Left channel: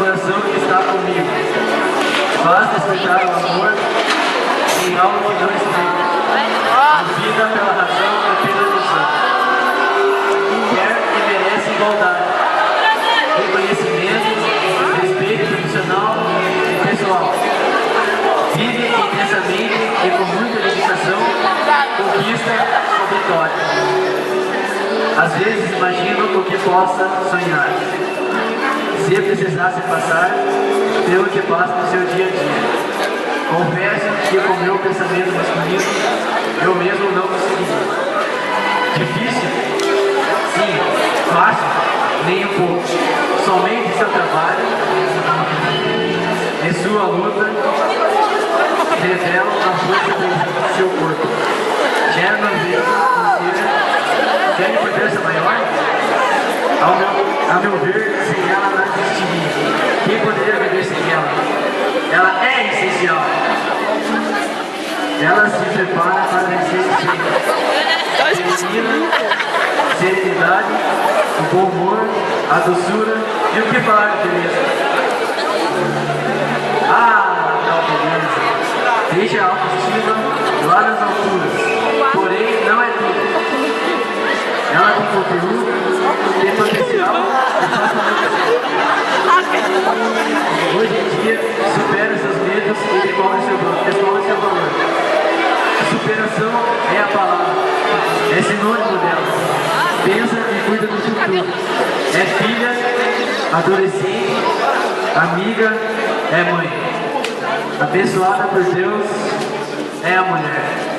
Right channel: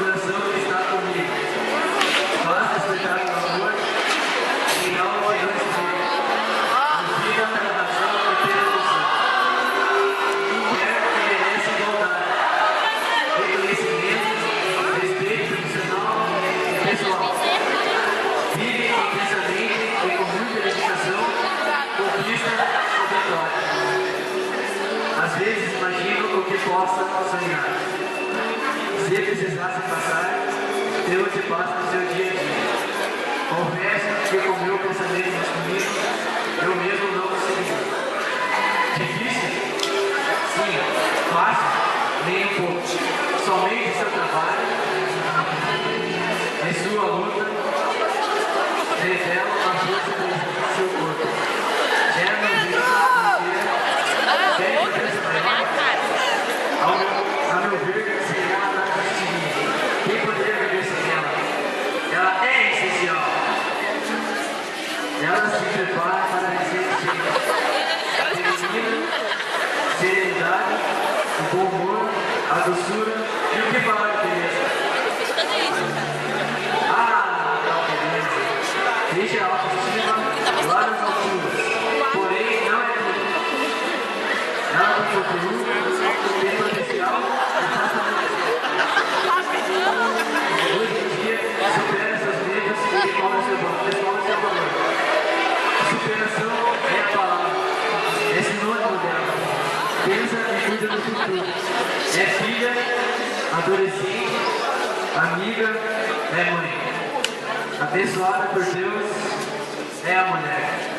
coração que está comigo. Faz despertar o amor em algo que não está. Vida pela razão ou pela ilusão. Quer que merece igualdade, reconhecimento, respeito profissional e pessoal. Vive intensamente e com muita dedicação, conquista a vitória. Às vezes imagino o que possa sonhar. Se eu precisasse passar pelo que passa no seu dia a dia. Confesso que com meu pensamento masculino, eu mesmo não consegui. Difícil? Sim. Fácil? Nem um pouco. Somente seu trabalho e sua luta revelam a força do seu corpo. Gera uma vida tem importância maior? A meu ver, sem ela não existiria. Quem poderia viver sem ela? Ela é essencial. Ela se prepara para vencer o feminina, serenidade, o bom humor, a doçura e o que falar de beleza. Ah, tal beleza. Deixa a autoestima lá nas alturas. Porém, não é tudo. Ela tem conteúdo, tem potencial e faz acontecer. Hoje em dia, supera seus medos e desenvolve seu valor. Superação é a palavra, é sinônimo dela. Pensa e cuida do futuro. É filha, adolescente, amiga, é mãe. Abençoada por Deus é a mulher.